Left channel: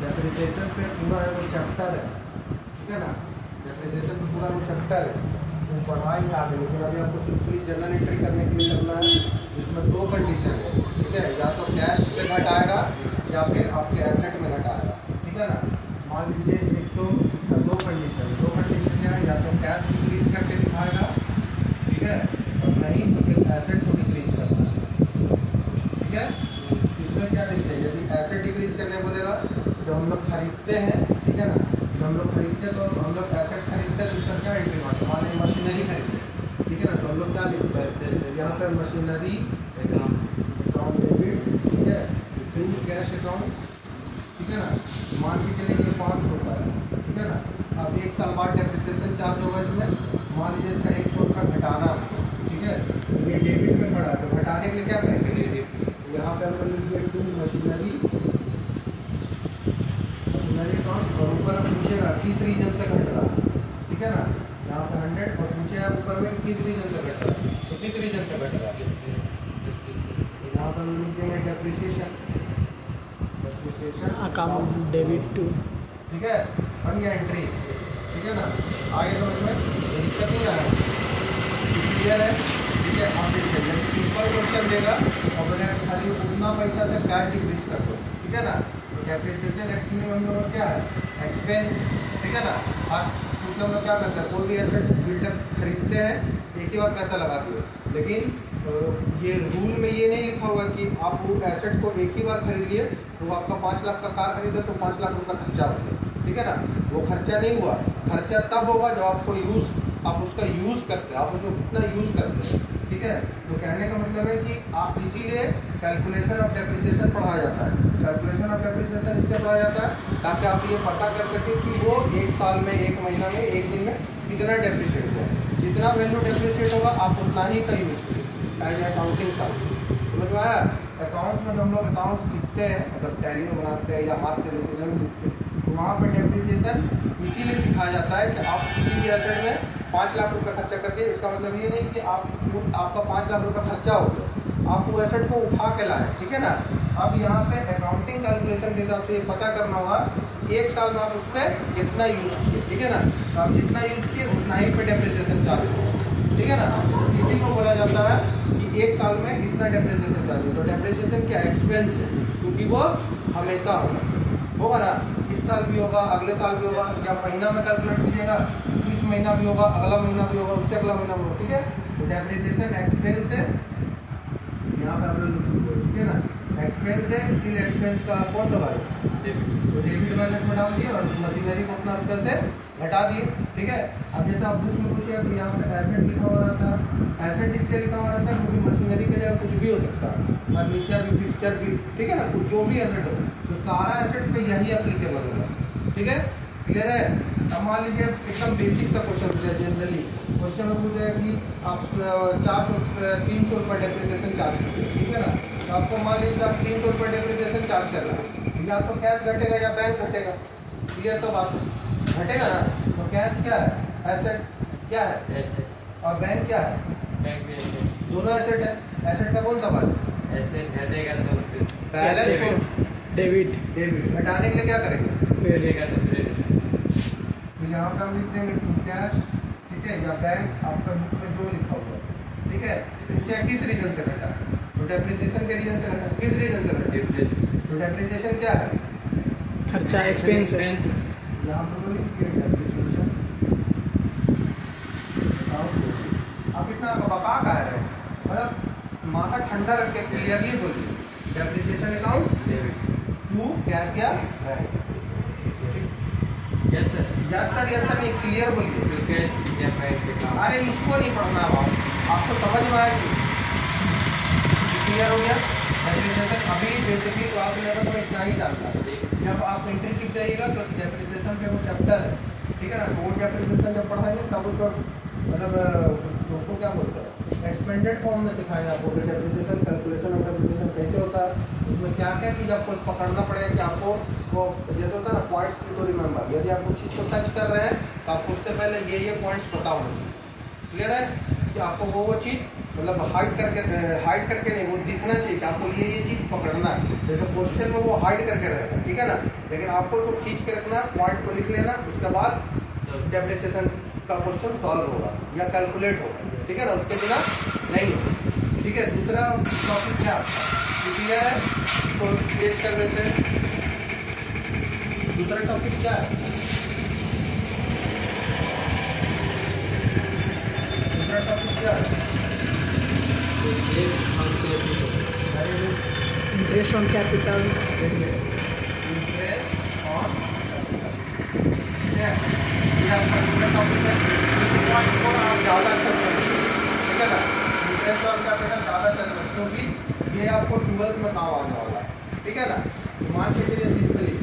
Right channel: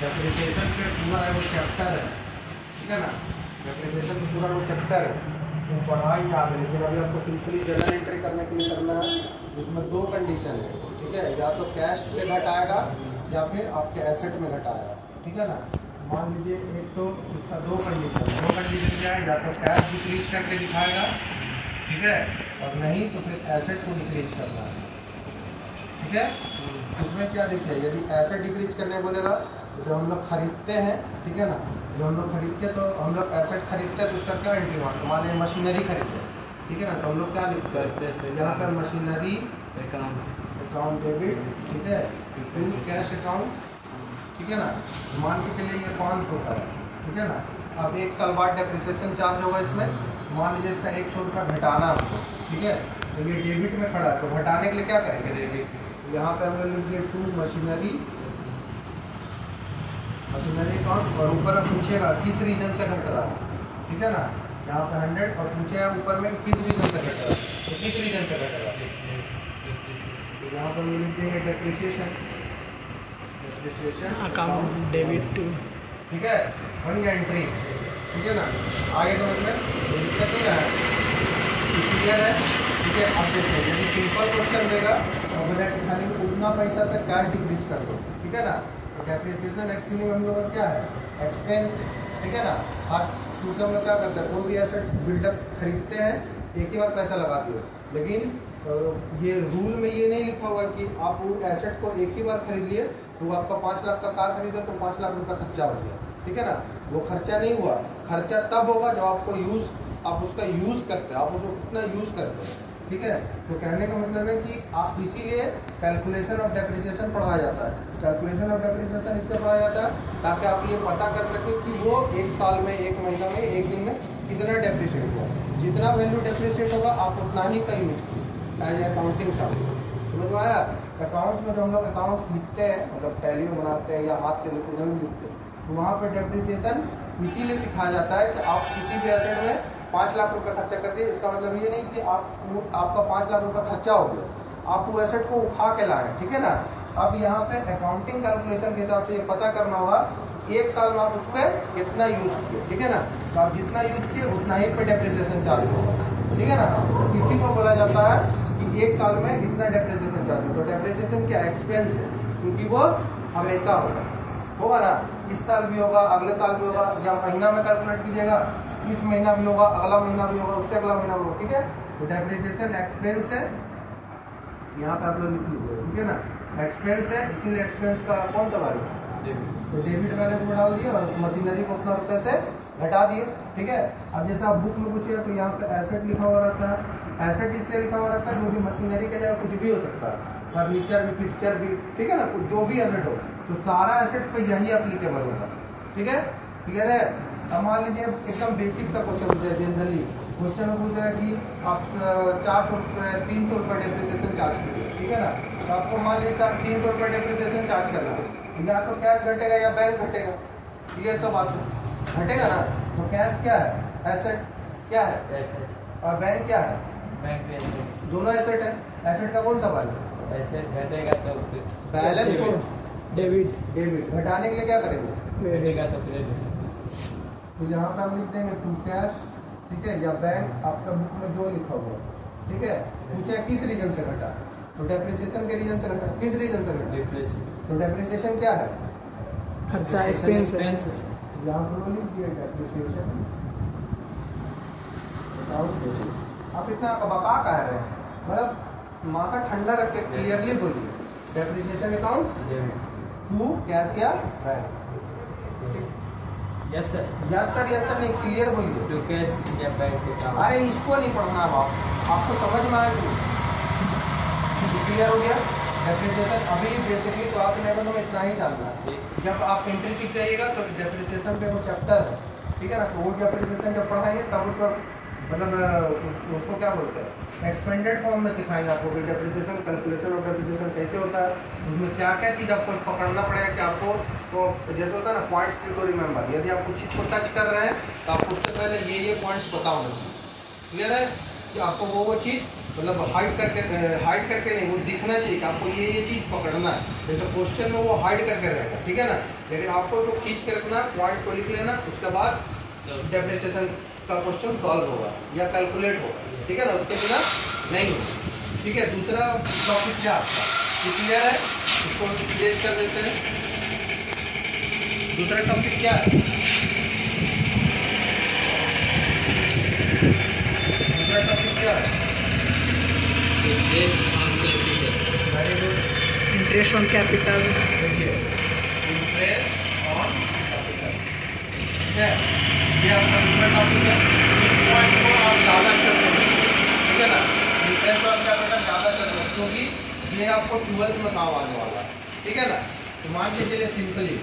Depreciation के पूरा वो चैप्टर है, ठीक है ना। डेप्रिसिएशन का पूरा वो चैप्टर है, वो पढ़ाई आगे, लेकिन अभी आपको सिंपली जर्नल एंट्री करने के लिए करना है। इसमें दो कंडीशन है, ठीक है, या तो कैश से घट आएगा या फिर आपके एसेट में घट आएगा, ठीक है ना। मान लीजिए एक तो इसका दो कंडीशन क्या है, या तो कैश डिक्रीज करके दिखाएगा, ठीक है, और नहीं तो फिर एसेट को डिक्रीज करना है, ठीक है। इसमें क्या देखिए, यदि एसेट डिक्रीज करने बोलेगा तो जब हम लोग खरीदते हैं, ठीक है ना, जब हम लोग खरीदते हैं तो हम लोग एसेट खरीदते हैं तो उसका क्या एंट्री होता है, मान लीजिए मशीनरी खरीदते हैं, ठीक है ना, तो हम लोग क्या लिखते हैं, यहाँ पर मशीनरी अकाउंट डेबिट, ठीक है, फिर कैश अकाउंट, ठीक है ना। मान के चलिए ये 500 होता है, ठीक है ना। अब 1 साल बाद डेप्रिसिएशन चार्ज होगा इसमें, मान लीजिए इसका 100 रुपया घटाना, ठीक है, तो ये डेबिट में खड़ा है, तो घटाने के लिए क्या करेंगे, यहाँ पे हमने लिख दिया टू मशीनरी अकाउंट, और ऊपर पूछेगा किस रीजन से घट रहा है, ठीक है ना, यहाँ पे 100 और पूछेगा ऊपर में किस रीजन से घट रहा है, तो किस रीजन से घट रहा है, यहाँ पर हम लिख देंगे डेप्रिसिएशन अकाउंट डेबिट, ठीक है, वन एंट्री, ठीक है ना। आगे समझ में दिक्कत नहीं आया, क्लियर है, ठीक है। अब देखिए यदि सिंपल क्वेश्चन देगा और बोले खाली उतना पैसा से कैश डिक्रीज कर दो, ठीक है ना, तो डेप्रिसिएशन एक्चुअली हम लोग क्या है, एक्सपेंस, ठीक है ना। आज क्योंकि हम लोग क्या करते हैं, कोई भी एसेट बिल्डअप खरीदते हैं एक ही बार पैसा लगाते हो, लेकिन ये रूल में ये नहीं लिखा हुआ कि आप वो एसेट को एक ही बार खरीद लिए, तो आपका 5 लाख का कार खरीदा तो 5 लाख रुपया खर्चा हो गया, ठीक है ना। वो खर्चा नहीं हुआ, खर्चा तब होगा जब आपको आप उसका यूज़ करते हैं, आप उसको कितना यूज़ करते हैं, ठीक है। तो कहने का मतलब है कि आप इसीलिए कैलकुलेशन ऑफ डेप्रिसिएशन पढ़ाया जाता है। कैलकुलेशन ऑफ डेप्रिसिएशन इससे पढ़ाया जाता है ताकि आप ये पता कर सकें कि वो 1 साल में, 1 महीना में, 1 दिन में कितना डेप्रिसिएट है। जितना वैल्यू डेप्रिसिएट होगा आप उतना ही का यूज़ कीजिए एज अकाउंटिंग का, समझ में आया। अकाउंट्स में जब हम लोग अकाउंट्स लिखते हैं, मतलब टैली में बनाते हैं या हाथ से लिखते हैं, तो वहाँ पर डेप्रिसिएशन इसीलिए सिखाया जाता है कि आप किसी भी एसेट में 5 लाख रुपये खर्चा करके, इसका मतलब ये नहीं कि आपका 5 लाख रुपये खर्चा हो गया, आप वो एसेट को उठा के लाएँ, ठीक है ना। अब यहाँ पे अकाउंटिंग कैलकुलेशन के हिसाब से ये पता करना होगा 1 साल में आप उस पर कितना यूज़ किए, ठीक है ना, तो आप जितना यूज़ किए उतना ही पे डेप्रिसिएशन चार्ज होगा, ठीक है ना। इसी को बोला जाता है कि 1 साल में इतना डेप्रिसिएशन चार्ज होगा। तो डेप्रिसिएशन क्या एक्सपेंस है, क्योंकि वो हमेशा होगा ना, इस साल भी होगा, अगले साल भी होगा, या महीना में कैलकुलेट कीजिएगा, इस महीना भी होगा, अगला महीना भी होगा, उससे अगला महीना भी होगा, ठीक है। तो डेप्रिसिएशन एक्सपेंस है, यहाँ पर आप लोग लिख लीजिए, ठीक है ना, एक्सपेंस है, इसीलिए एक्सपेंस का कौन सा भाई, तो डेबिट बैलेंस में डाल दिए और मशीनरी को उतना रुपये से घटा दिए, ठीक है। अब जैसे आप बुक में पूछिए तो यहाँ पे एसेट लिखा हुआ रहता है, एसेट इसलिए लिखा हुआ रहता है क्योंकि मशीनरी के लिए कुछ भी हो सकता है, फर्नीचर भी, फिक्सचर भी, ठीक है ना, कुछ जो भी एसेट हो, तो सारा एसेट पे यही एप्लीकेबल होगा, ठीक है, क्लियर है। अब मान लीजिए एकदम बेसिक सा क्वेश्चन पूछा है, जनरली क्वेश्चन में पूछा है कि आप 300 रुपये डेप्रिसिएशन चार्ज कीजिए, ठीक है ना। तो आपको मान लीजिए आप 300 रुपये डेप्रिसिएशन चार्ज करना है, या तो कैश घटेगा या बैंक घटेगा, क्लियर तो बात घटेगा ना। तो कैश क्या है, एसेट क्या है, एसेट, और बैंक क्या है, बैंक एसेट, दोनों एसेट है। एसेट का कौन सा भाग, एसेट घटेगा तो बैलेंस डेबिट, घटाने के लिए क्या करेंगे, घटेगा तो क्रेडिट। तो यहाँ पर हम लिखते हैं टू कैश, ठीक है, या बैंक, आपका बुक में जो लिखा हुआ है, ठीक है। पूछे किस रीजन से घटा, तो डेप्रिसिएशन के रीजन से घटा, किस रीजन से घटा, तो डेप्रिसिएशन क्या है, खर्चा, एक्सपेंस। यहाँ पर लिख दिया डेप्रिसिएशन। आप इतना बका कह रहे हैं, मतलब माथा ठंडा रख के क्लियरली बोलिए, डेप्रिसिएशन अकाउंट टू कैश या bank. Yes sir, yes sir, yes sir नहीं, क्लियर बोलिए, कैश या बैंक। अरे इसको नहीं पढ़ना अब आपको समझ में आएगी, क्लियर हो गया। डेप्रिसिएशन अभी बेसिकली तो आप लेवल में इतना ही जानना है, जब आप एंट्री सीख जाइएगा तो डेप्रिसिएशन पे वो चैप्टर है, ठीक है ना, तो वो डेप्रिसिएशन जब पढ़ाएंगे तब उसको मतलब उसको क्या बोलते हैं, एक्सपेंडेड फॉर्म में सिखाएंगे आपको कि डेप्रिसिएशन, कैलकुलेशन ऑफ डेप्रिसिएशन कैसे होता है, उसमें क्या क्या चीज़ आपको पकड़ना पड़ेगा कि आपको वो जैसे होता है ना पॉइंट्स टू रिमेंबर, यदि आप कुछ चीज़ को टच कर रहे हैं तो आपको उससे पहले ये पॉइंट्स पता होना चाहिए, क्लियर है। कि आपको वो चीज़ मतलब हाइड करके नहीं, वो दिखना चाहिए कि आपको ये चीज़ पकड़ना है। जैसे क्वेश्चन में वो हाइड करके रहेगा, ठीक है ना, लेकिन आपको तो खींच के रखना, पॉइंट को लिख लेना, उसके बाद डेफिनेशन का क्वेश्चन सॉल्व होगा या कैलकुलेट होगा, ठीक है ना, उसके बिना नहीं होगा। ठीक है, दूसरा टॉपिक क्या आपका क्लियर है, इसको क्लियर कर देते हैं। दूसरा टॉपिक क्या है? दूसरा टॉपिक क्या है? Very good. Interest on capital. Interest on capital, ठीक है, ये आपका दूसरा टॉपिक है। इस पॉइंट को आप ज़्यादा अच्छे से समझिए, ठीक है ना, इंटरेस्ट ऑन कैपिटल ज़्यादा अच्छे से समझिए, क्योंकि ये आपको 12th में काम आने वाला है, ठीक है ना। तो मान के चलिए सिंपली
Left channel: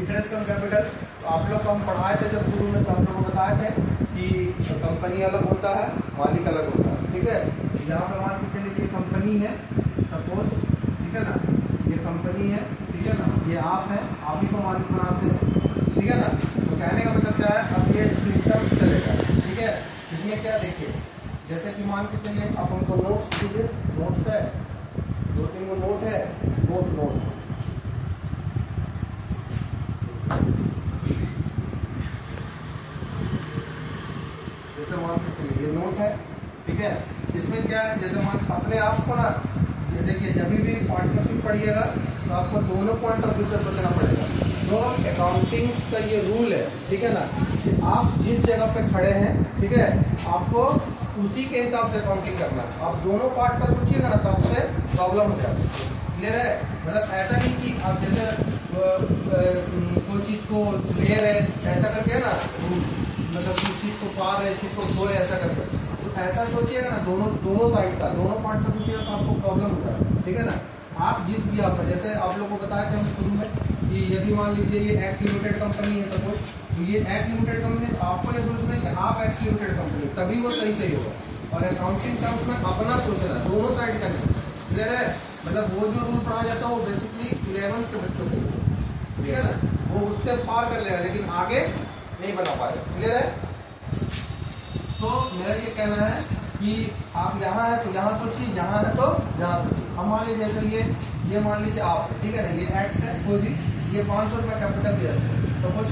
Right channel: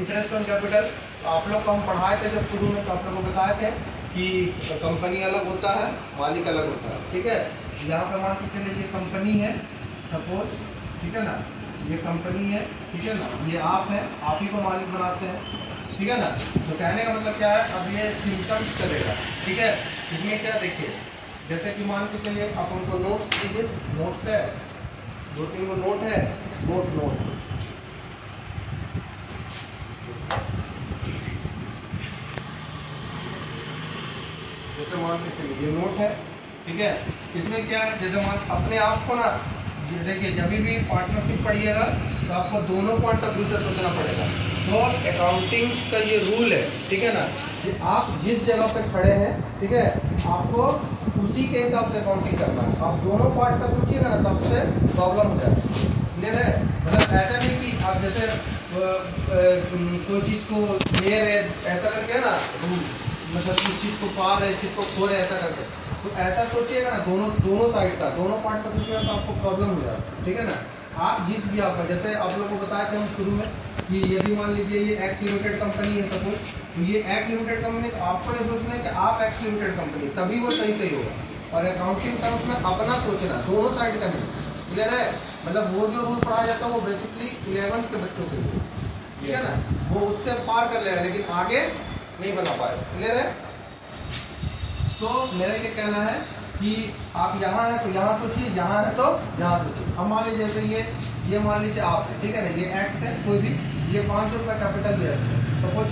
इंटरेस्ट ऑन कैपिटल आप लोग को हम पढ़ाए थे जब शुरू में, तो हम लोग को बताए थे कि कंपनी अलग होता है, मालिक अलग होता है, ठीक है। यहाँ पे मान के चलिए ये कंपनी है सपोज, ठीक है ना, ये कंपनी है, ठीक है ना, ये आप है, आप ही को मालिक बनाते हैं, ठीक है ना। तो कहने का मतलब क्या है, अब ये सिस्टम चलेगा, ठीक है। इसमें क्या देखिए, जैसे कि मान के चलिए आप हमको नोट्स दीजिए, नोट्स है, 2-3 गो नोट है, नोट जैसे मान के चलिए ये नोट है, ठीक है। इसमें क्या है, जैसे मान अपने आप को ना, देखिए जब भी पार्टनरशिप पढ़िएगा तो आपको दोनों पॉइंट ऑफ व्यू से सोचना पड़ेगा। तो अकाउंटिंग का ये रूल है, ठीक है ना, कि आप जिस जगह पे खड़े हैं, ठीक है, आपको उसी के हिसाब से अकाउंटिंग करना है। आप दोनों पार्ट का सोचिएगा ना, तब से प्रॉब्लम हो जाएगा। क्लियर है, मतलब ऐसा नहीं कि आप जैसे कोई चीज़ को ले रहे ऐसा करके है ना रूल, मतलब किस चीज़ को पा रहे, चीज़ को खो रहे, ऐसा करके, तो ऐसा सोचिएगा ना, दोनों साइड का, दोनों पार्ट का सोचिएगा तो आपको प्रॉब्लम हो जाएगा, ठीक है ना। आप जिस भी आपका, जैसे आप लोगों को बताया था हम शुरू में कि यदि मान लीजिए ये एक्स लिमिटेड कंपनी है सपोज, तो ये एक्स लिमिटेड कंपनी, तो आपको ये सोचना है कि आप एक्स लिमिटेड कंपनी, तभी वो सही होगा। और अकाउंटिंग टर्म्स में अपना सोचना, दोनों साइड का नहीं। क्लियर है, मतलब वो जो रूल पढ़ा जाता है वो बेसिकली 11th के बच्चों के लिए, ठीक है ना, वो उससे पार कर लेगा, लेकिन आगे नहीं बना पाएगा। क्लियर है, तो मेरा ये कहना है कि आप यहाँ है तो यहाँ सोचिए, यहाँ है तो यहाँ सोचिए। हम मान लीजिए जैसे ये मान लीजिए आप है, ठीक है ना, ये एक्स है, कोई भी, ये 500 रुपये कैपिटल दिया इसको, तो कुछ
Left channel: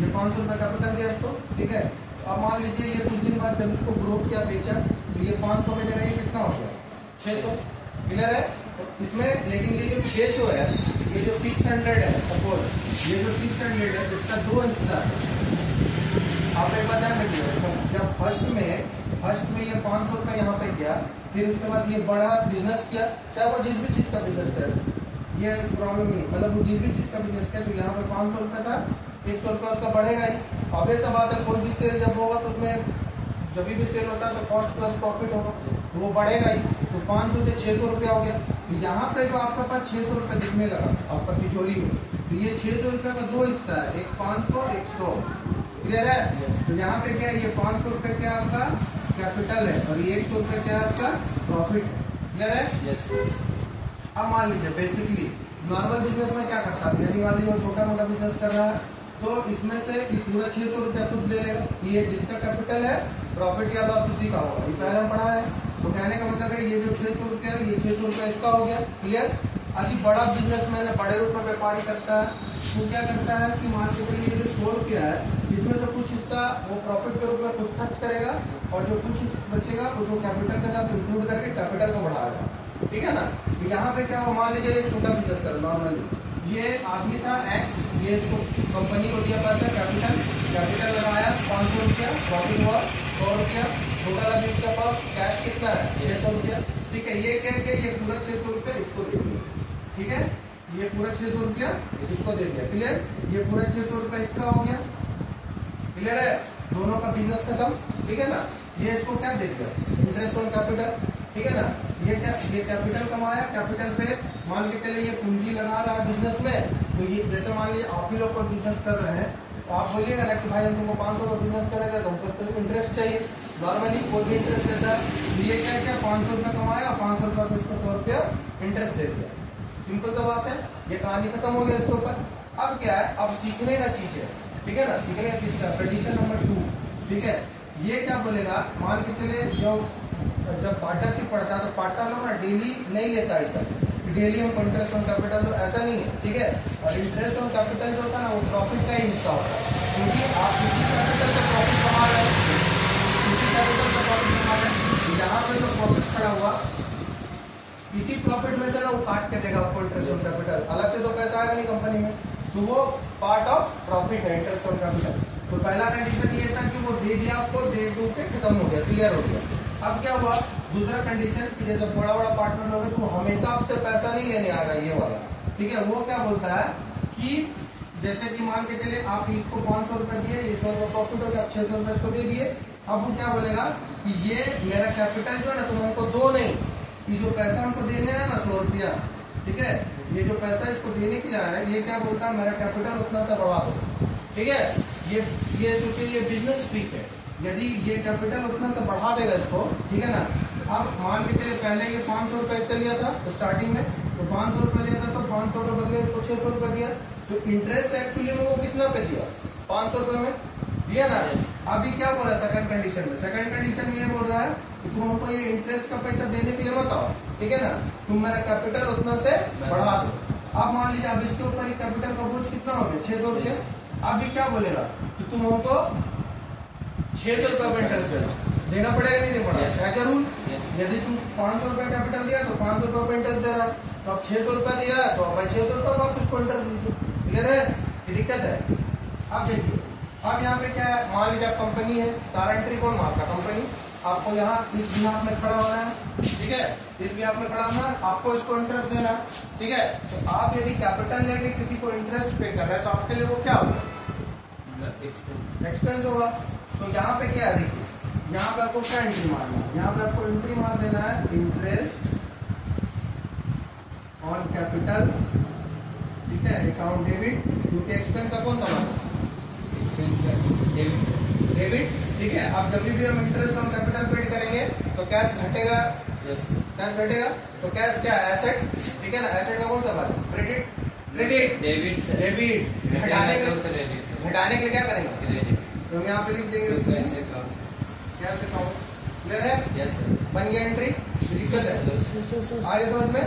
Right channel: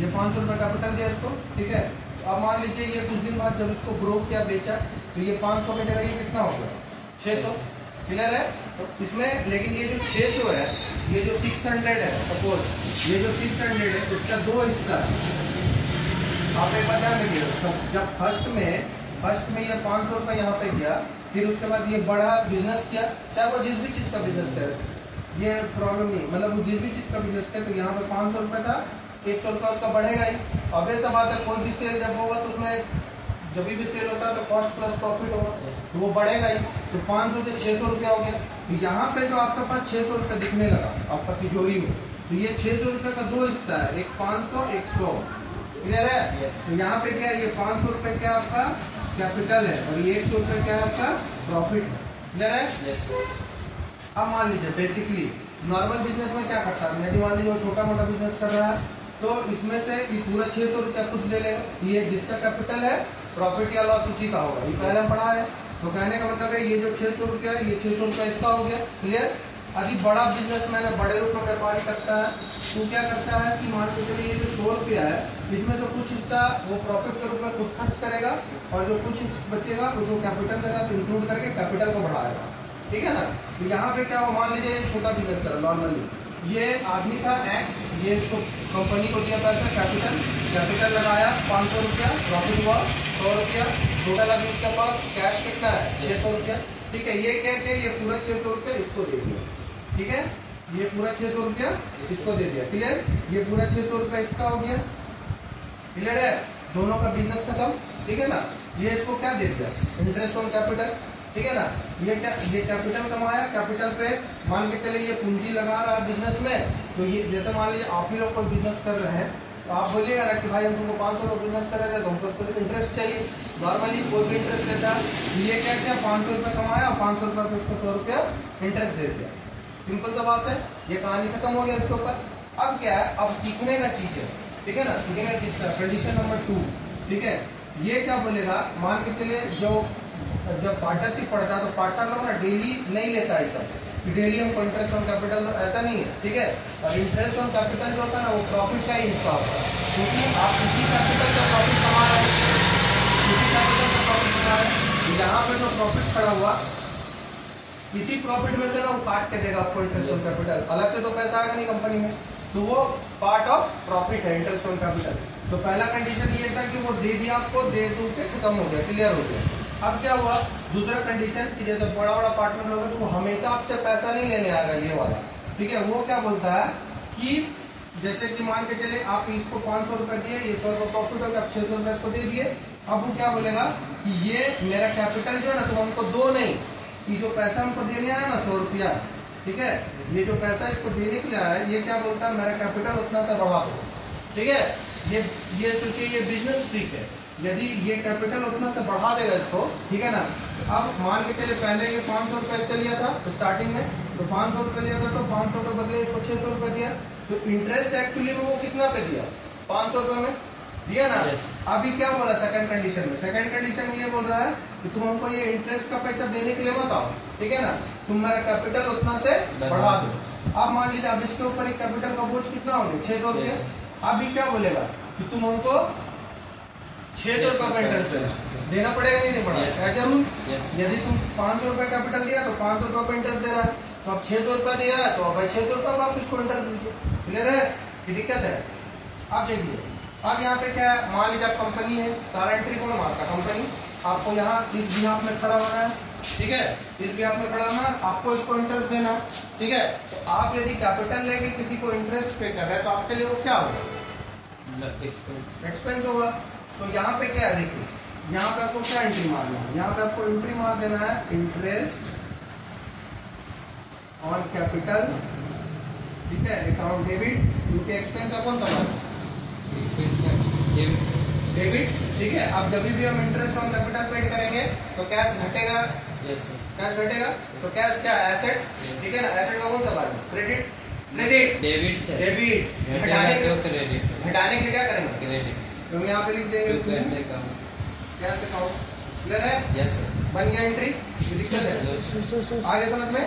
ये 500 रुपये कैपिटल दिया इसको, ठीक है। अब मान लीजिए ये कुछ दिन बाद जब इसको ग्रो किया, बेचा, तो ये 500 की जगह ये कितना हो गया, 600। क्लियर है, तो इसमें लेकिन ये जो 600 है, ये जो 600 है सपोज, ये जो 600 है इसका 2 हिस्सा है। आप एक बार ध्यान रखिएगा, जब फर्स्ट में ये 500 रुपये यहाँ पे किया, फिर उसके बाद ये बड़ा बिजनेस किया, चाहे वो जिस भी चीज़ का बिजनेस करे, ये प्रॉब्लम नहीं, मतलब वो जिस भी चीज़ का बिजनेस करे, तो यहाँ पे 500 रुपये था, 100 रुपये उसका बढ़ेगा ही। अब ये सब बात है, कोई भी सेल जब होगा तो उसमें जब भी सेल होता है तो कॉस्ट प्लस प्रॉफिट होगा, तो वो बढ़ेगा ही। तो 500 से 600 रुपया हो गया, तो यहाँ पे जो आपके पास 600 रुपये दिखने लगा आपका तिजोरी में, तो ये 600 रुपये का 2 हिस्सा है, एक 500 एक 100। क्लियर है, तो यहाँ पे क्या है, ये 500 रुपये क्या आपका कैपिटल है और ये 100 रुपये क्या है आपका प्रॉफिट है। क्लियर है, अब मान लीजिए बेसिकली नॉर्मल बिजनेस में क्या करता है, यदि मान लीजिए छोटा मोटा बिजनेस कर रहा है तो इसमें से ये पूरा 600 रुपया कुछ ले लेगा, ये जिसका कैपिटल है प्रॉफिट या लॉस उसी का होगा, ये पहले हम पढ़ा है। तो कहने का मतलब है ये जो 600 रुपया है, ये 600 रुपया इसका हो गया। क्लियर, अभी बड़ा बिजनेसमैन है, बड़े रूप में व्यापारी करता है, वो क्या करता है कि मान के चलिए ये जो 100 रुपया है, इसमें से कुछ हिस्सा वो प्रॉफिट के रूप में खुद खर्च करेगा और जो कुछ बचेगा उसको कैपिटल के साथ इंक्लूड करके कैपिटल को बढ़ाएगा। ठीक है ना, तो यहाँ पे क्या हो, मान लीजिए ये छोटा बिजनेस कर नॉर्मली, ये आदमी था एक्स, ये इसको कंपनी को दिया पैसा कैपिटल लगाया 500 रुपया, प्रॉफिट हुआ 100 रुपया, टोटल अभी उसके पास कैश कितना है 600 रुपया। ठीक है, ये क्या किया, ये पूरा 600 रुपया इसको दे दिया। ठीक है, ये पूरा 600 रुपया इसको दे दिया। क्लियर, ये पूरा 600 रुपया इसका हो गया। क्लियर है, दोनों का बिजनेस खत्म। ठीक है ना, ये इसको क्या दे दिया, इंटरेस्ट ऑन कैपिटल। ठीक है ना, ये क्या, ये कैपिटल कमाया, कैपिटल पे मान के चले ये पूंजी लगा रहा है बिजनेस में। तो ये जैसे मान लीजिए आप ही लोग कोई बिजनेस कर रहे हैं, तो आप बोलिएगा ना कि भाई हम तुमको 500 का बिजनेस कर रहे थे, तो हमको तो इंटरेस्ट चाहिए, नॉर्मली कोई भी इंटरेस्ट लेता है। ये क्या किया, 500 रुपये कमाया, 500 रुपये को उसको 100 रुपया इंटरेस्ट दे दिया। सिंपल सा बात है, ये कहानी खत्म हो गया इसके ऊपर। अब क्या है, अब सीखने का चीज़ है। ठीक है ना, सीखने का चीज़ है कंडीशन नंबर 2। ठीक है, ये क्या बोलेगा, मान के चलिए जो जब पार्टनरशिप पढ़ता है तो पार्टनर लोग ना डेली नहीं लेता है इसका, डेली हमको इंटरेस्ट ऑन कैपिटल, तो ऐसा नहीं है, ठीक है। और इंटरेस्ट ऑन कैपिटल जो होता है ना वो प्रॉफिट का ही हिस्सा होता है, क्योंकि आप किसी कैपिटल का प्रॉफिट कमा रहे हैं, किसी कैपिटल का प्रॉफिट कमा रहे हैं, यहाँ पे जो प्रॉफिट खड़ा हुआ इसी प्रॉफिट में से ना वो काट के देगा आपको इंटरेस्ट ऑन कैपिटल, अलग से तो पैसा आएगा नहीं कंपनी में, तो वो पार्ट ऑफ प्रॉफिट है इंटरेस्ट ऑन कैपिटल। तो पहला कंडीशन ये था कि वो दे दिया आपको, दे दो के खत्म हो गया, क्लियर हो गया। अब क्या हुआ, दूसरा कंडीशन कि जैसे बड़ा बड़ा पार्टनर लोग तो वो हमेशा आपसे पैसा नहीं लेने आएगा, ये वाला, ठीक है। वो क्या बोलता है कि जैसे कि मान के चले आप इसको 500 रुपए दिए, ये 100 रुपये प्रॉफिट हो गया, 600 रुपये इसको दे दिए। अब वो क्या बोलेगा कि ये मेरा कैपिटल जो है ना तुम हमको दो नहीं, ये जो पैसा हमको देने आया ना 100 रुपया, ठीक है, ये जो पैसा इसको देने के लिए आया है, ये क्या बोलता है मेरा कैपिटल उतना सा बढ़ा दो, ठीक है। ये सोचिए ये बिजनेस ट्रिक है, यदि ये कैपिटल उतना सा बढ़ा देगा इसको, ठीक है ना। अब मान के चलिए पहले ये 500 रुपये इससे लिया था स्टार्टिंग में, तो 500 रुपये लिया था, तो 500 के बदले इसको 600 रुपये दिया, तो इंटरेस्ट एक्चुअली में वो कितना पे दिया, 500 रुपये में दिया ना। अभी क्या बोला सेकंड कंडीशन में, सेकंड कंडीशन में ये बोल रहा है कि तुम हमको ये इंटरेस्ट का पैसा देने के लिए मत आओ, ठीक है ना, तुम मेरा कैपिटल उतना से बढ़ा दो। अब मान लीजिए अब इसके ऊपर कैपिटल का बोझ कितना हो गया, 600 रुपये। अभी क्या बोलेगा कि तुम हमको 600 रुपये का इंटरेस्ट देना पड़ेगा, नहीं पड़ेगा, क्या करूँ, यदि तुम 500 रुपये कैपिटल दिया तो 500 रुपये का इंटरेस्ट दे रहा है, तो अब 600 रुपये दे रहा है तो भाई 600 रुपये का आप इसको इंटरेस्ट दीजिए, क्लियर है, दिक्कत है। आप देखिए अब यहाँ पे क्या है, मान लीजिए आप कंपनी है, सारा एंट्री कौन मारता, कंपनी, आपको यहाँ इस बिहाफ में खड़ा होना है, ठीक है, इस बिहाफ में खड़ा होना है, आपको इसको इंटरेस्ट देना, ठीक है। तो आप यदि कैपिटल लेके किसी को इंटरेस्ट पे कर रहे हैं तो आपके लिए वो क्या होगा, एक्सपेंस होगा। तो यहाँ पे क्या है, देखिए यहाँ पे आपको क्या एंट्री मारना है, यहाँ पे आपको एंट्री मार देना है इंटरेस्ट ऑन कैपिटल, ठीक है, अकाउंट डेबिट, क्योंकि एक्सपेंस का कौन सा मारना, डेबिट, ठीक है। अब जब भी हम इंटरेस्ट ऑन कैपिटल पेड करेंगे तो कैश घटेगा, कैश घटेगा, तो कैश क्या है, एसेट, ठीक है ना, एसेट का कौन सा वाला, क्रेडिट, क्रेडिट, डेबिट, घटाने के लिए क्या करेंगे, क्रेडिट, तो यहाँ पे लिख देंगे कैश अकाउंट, क्लियर है, बन गया एंट्री, दिक्कत है आगे समझ में।